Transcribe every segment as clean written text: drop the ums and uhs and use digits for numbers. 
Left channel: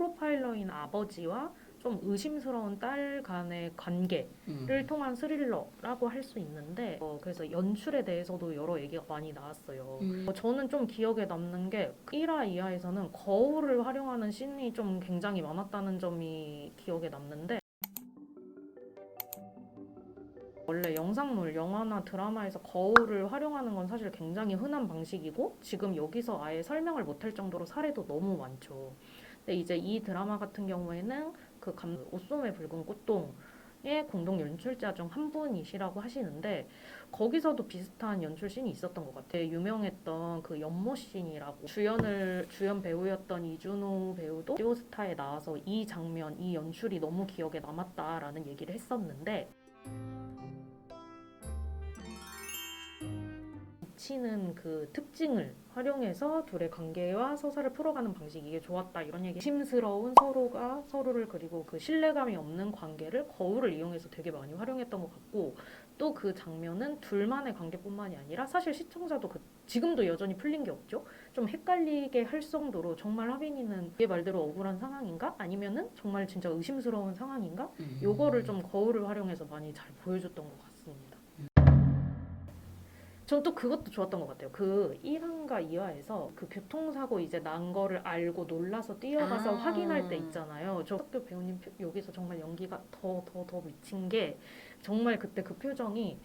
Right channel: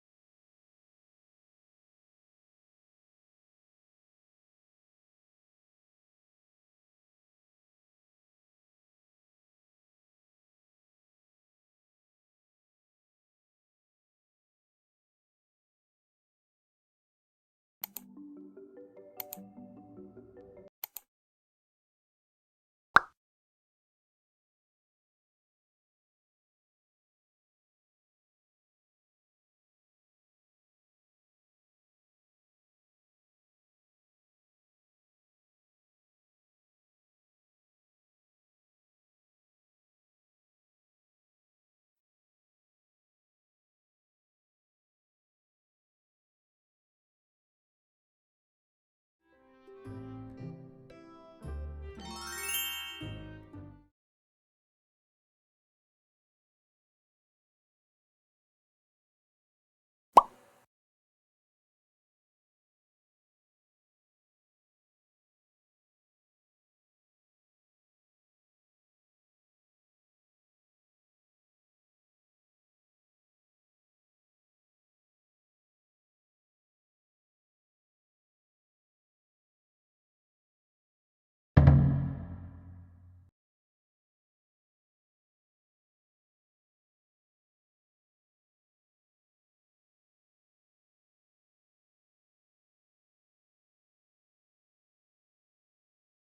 프로파일러인 아버지와 좀 의심스러운 딸 간의 관계를 통한 스릴러라고 할 수 있는데 그래서 연출에 대해서도 여러 얘기가 많이 나왔어요. 저는 좀 기억에 남는 게 1화, 2화에서는 거울을 활용하는 씬이 좀 굉장히 많았다는 점이 기억에 남는데 원래 영상물, 영화나 드라마에서 거울을 활용하는 건 사실 굉장히 흔한 방식이고 지금 여기서 아예 설명을 못할 정도로 사례도 너무 많죠. 근데 이제 이 드라마 같은 경우에는 그 옷소매 붉은 꽃동의 공동 연출자 중 한 분이시라고 하시는데 거기서도 비슷한 연출 씬이 있었던 것 같아요. 유명했던 그 연못 씬이라고 주연 배우였던 이준호 배우도 시오스타에 나와서 이 장면, 이 연출이 너무 기억에 남았다라는 얘기를 했었는데 치는 그 특징을 활용해서 둘의 관계와 서사를 풀어가는 방식이 이게 좋았다 이런 얘기. 심스러운 서로가 서로를 그리고 그 신뢰감이 없는 관계를 거울을 이용해서 되게 많이 활용했던 것 같고 또 그 장면은 둘만의 관계뿐만이 아니라 사실 시청자도 지금도 여전히 풀린 게 없죠. 좀 헷갈리게 할 정도로 정말 하빈이는 얘 말대로 억울한 상황인가? 아니면은 정말 진짜 의심스러운 상황인가? 요거를 좀 거울을 활용해서 많이 잘 보여줬던 것 같습니다. 전 또 그것도 좋았던 것 같아요. 그 1화인가 2화에서 그 교통사고 이제 난 거를 알고 놀라서 뛰어가서 확인할 때 있잖아요. 저 학교 배우님 여기서 정말 연기가 더 미친 게 정말 그때 그 표정이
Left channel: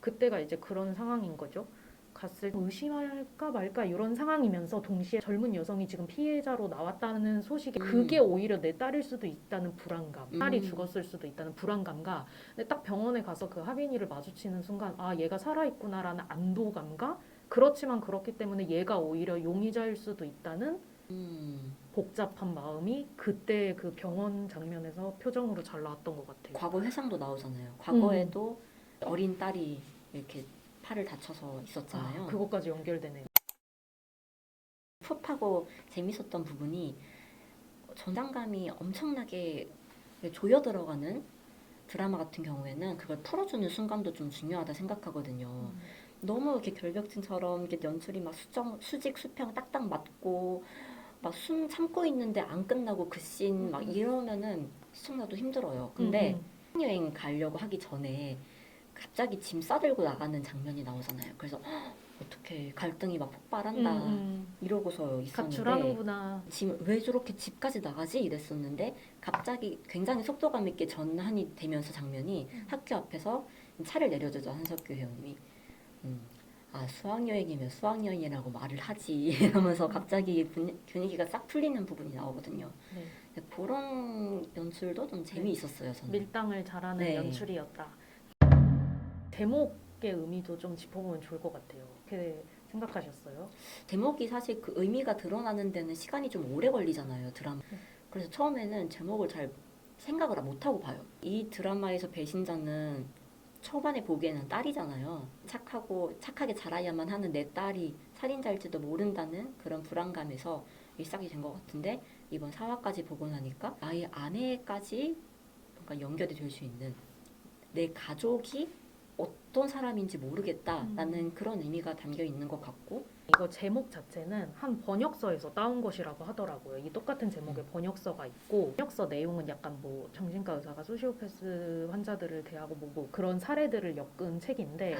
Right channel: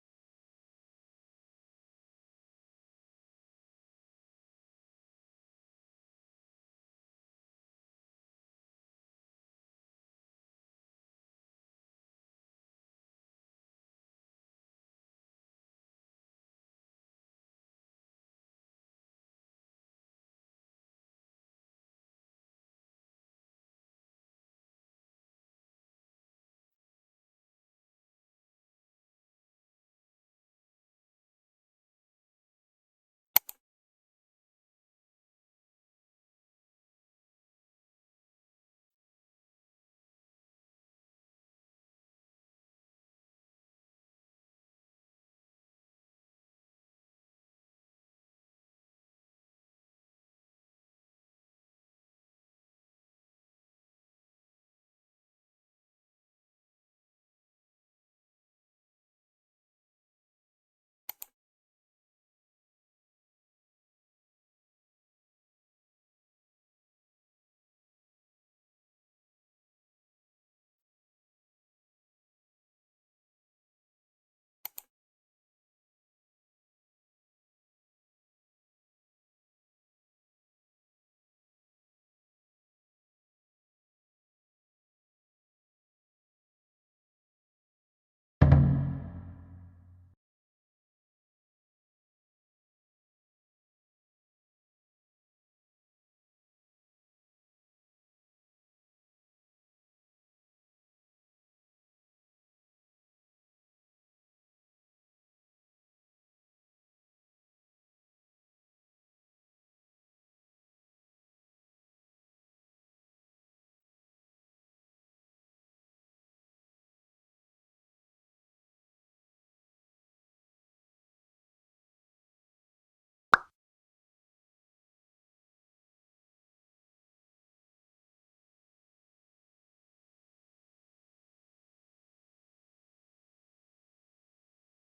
그때가 이제 그런 상황인 거죠. 갔을 때 의심할까 말까 이런 상황이면서 동시에 젊은 여성이 지금 피해자로 나왔다는 소식이 그게 오히려 내 딸일 수도 있다는 불안감, 딸이 죽었을 수도 있다는 불안감과 근데 딱 병원에 가서 그 하빈이를 마주치는 순간 아 얘가 살아있구나라는 안도감과 그렇지만 그렇기 때문에 얘가 오히려 용의자일 수도 있다는 복잡한 마음이 그때 그 병원 장면에서 표정으로 잘 나왔던 것 같아요. 과거 회상도 나오잖아요. 과거에도 어린 딸이 이렇게 팔을 다쳐서 있었잖아요. 아, 그것까지 연결되네요. 풋하고 재밌었던 부분이 전장감이 엄청나게 조여 들어가는 드라마 같은 경우에는 그걸 풀어주는 순간도 좀 중요하다 생각하거든요. 너무 이렇게 결벽증처럼 이렇게 연출이 막 수직 수평 딱딱 맞고 막 숨 참고 있는데 안 끝나고 그 씬 막 이러면은 시청자도 힘들어요. 근데 여행 가려고 하기 전에 갑자기 짐 싸들고 나가는 장면이 나오잖아요. 그래서 어떻게 갈등이 막 폭발한다 이러고서 있었는데 가출하는구나. 짐 왜 저렇게 집까지 나가지 이랬었는데 갑자기 굉장히 속도감 있게 전환이 되면서 장면이 학교 앞에서 차를 내려주죠. 한석규 회원님이 아 수학여행이면 수학여행이라고 말을 하지 이러면서 갑자기 분위기가 싹 풀리는 부분이 나오거든요. 네. 그런 연출도 좀 재미있었어요. 저는 밀당을 잘하는 네. 연출이었다. 제목의 의미도 좀 짚어보면 좋을 것 같아요. 어떻게 생각하셨어요? 제목이 사실 그 의미가 드러나는 데는 시간이 좀 오래 걸리잖아요. 드라마. 그래서 처음에는 제목을 잘 생각을 못하고 봐요. 이 드라마에서 배신자는 초반에 보기에는 딸이잖아요. 착하게 자라야만 하는 내 딸이 살인자일지도 모른다는 그런 불안감에서 시작이 된 것 같은데 이번 4화까지 보고 나니까 나의 아내까지 뭔가 연결이 될 수 있는 내 가족이 어떤 사람인지 모르겠다라는 그런 의미가 담겨 있는 것 같고 이거 제목 자체는 한 번역서에서 따온 것이라고 하더라고요. 이 똑같은 제목의 번역서가 있고 번역서 내용은 약간 뭐 정신과 의사가 소시오패스 환자들을 대하고 뭐 그런 사례들을 엮은 책인데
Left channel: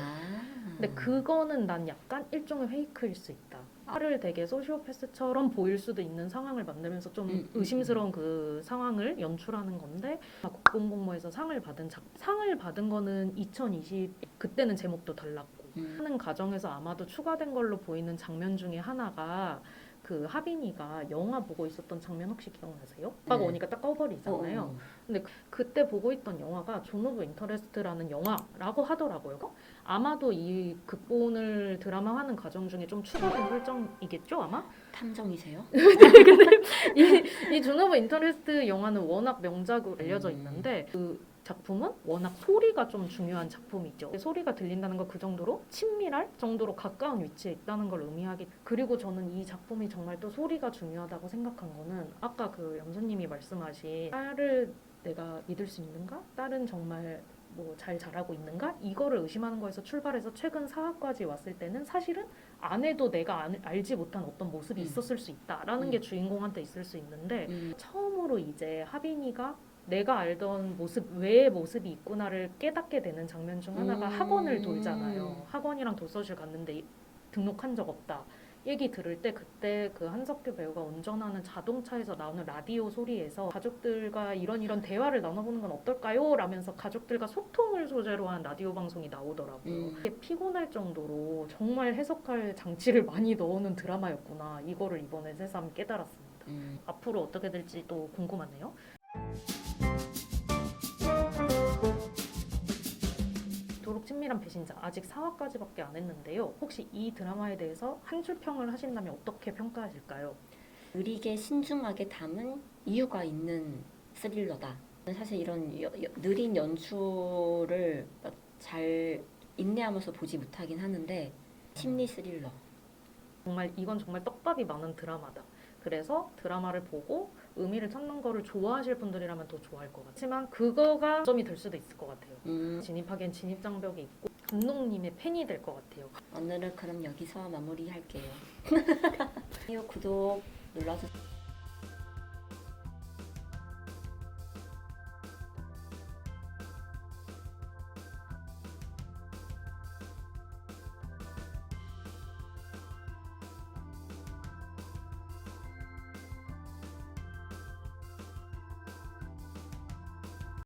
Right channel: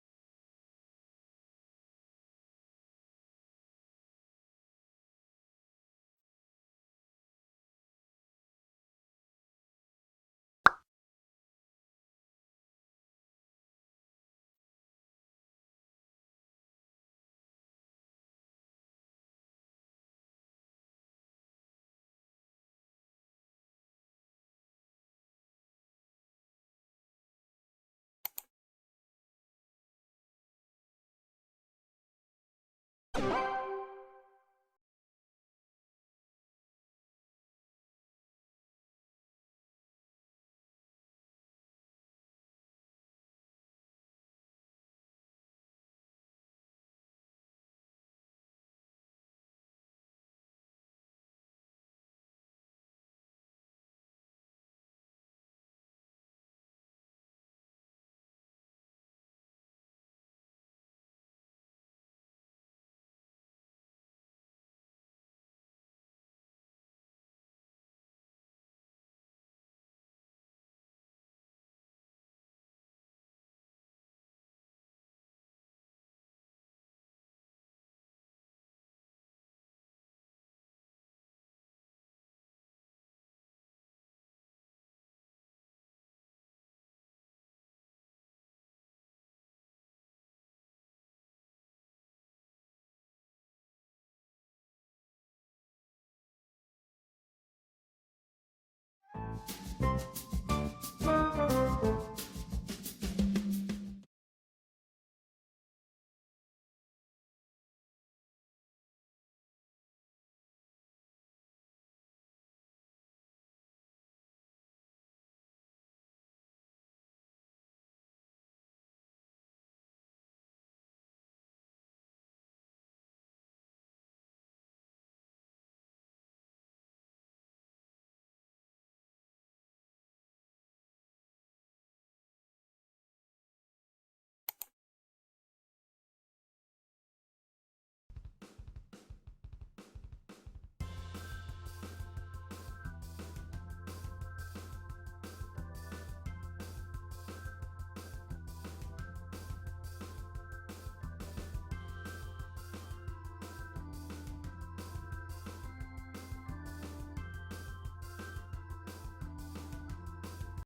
근데 그거는 난 약간 일종의 페이크일 수 있다. 화를 되게 소시오패스처럼 보일 수도 있는 상황을 만들면서 좀 의심스러운 그 상황을 연출하는 건데 국공공모에서 상을 받은 거는 2020 그때는 제목도 달랐고 하는 과정에서 아마도 추가된 걸로 보이는 장면 중에 하나가 그 하빈이가 영화 보고 있었던 장면 혹시 기억나세요? 오빠가 오니까 딱 꺼버리잖아요. 근데 그때 보고 있던 영화가 존 오브 인터레스트라는 영화라고 하더라고요. 아마도 이 극본을 드라마하는 과정 중에 좀 추가된 설정이겠죠 아마? 탐정이세요? 이 존 오브 인터레스트 영화는 워낙 명작으로 알려져 있는데 그 작품은 워낙 소리가 좀 중요한 작품이죠. 소리가 들린다는 걸 그 정도로 친밀할 정도로 가까운 위치에 있다는 걸 의미하기. 그리고 저는 이 작품이 정말 또 소리가 중요하다고 생각한 거는 아까 그 염소님이 말씀하신 딸을 내가 믿을 수 있는가? 딸은 정말 뭐 잘 자라고 있는가? 이거를 의심하는 거에서 출발해서 최근 4화까지 왔을 때는 사실은 안 해도 내가 알지 못한 어떤 모습이 있었을 수 있다라는 게 주인공한테 있을 수 있는데 처음으로 이제 하빈이가 내가 알던 모습 외의 모습이 있구나를 깨닫게 되는 장면 중 하나가 학원을 돌잖아요. 학원이랑 도서실 갔는데 등록한 적 없다. 얘기 들을 때 그때 그 한석규 배우가 운전하는 자동차에서 나오는 라디오 소리에서 가족들과 이런 대화를 나눠보는 건 어떨까요? 라면서 가족들과 소통을 소재로 한 라디오 방송이 나오더라고요. 이게 피곤할 정도로 정말 해석할 장치를 많이 넣어놓은 드라마였구나. 이거를 이번에 새삼 깨달았습니다. 앞으로 어떻게 될지 또 궁금하네요. 도록 친밀한 배신자 아직 4화까지밖에 안 했는데요. 혹시 이 드라마에 대해서 한 줄 평을 하신다면 어떻게 평가하실까요? 느리게 신중하게 담은 이유가 있는 스릴러다. 사실 이런 느린 연출을 잘 인내하면서 보지 못하긴 하는데 심리 스릴러. 정말 이건 정말 떡밥이 많은 드라마다. 그래서 드라마를 보고 의미를 찾는 거를 좋아하실 분들이라면 더 좋아할 것 같아요. 하지만 그거가 점이 될 수도 있을 것 같아요. 진입하기엔 진입장벽이 있고 감독님의 팬이 될 것 같아요. 오늘은 그럼 여기서 마무리할게요. 구독 눌러주세요.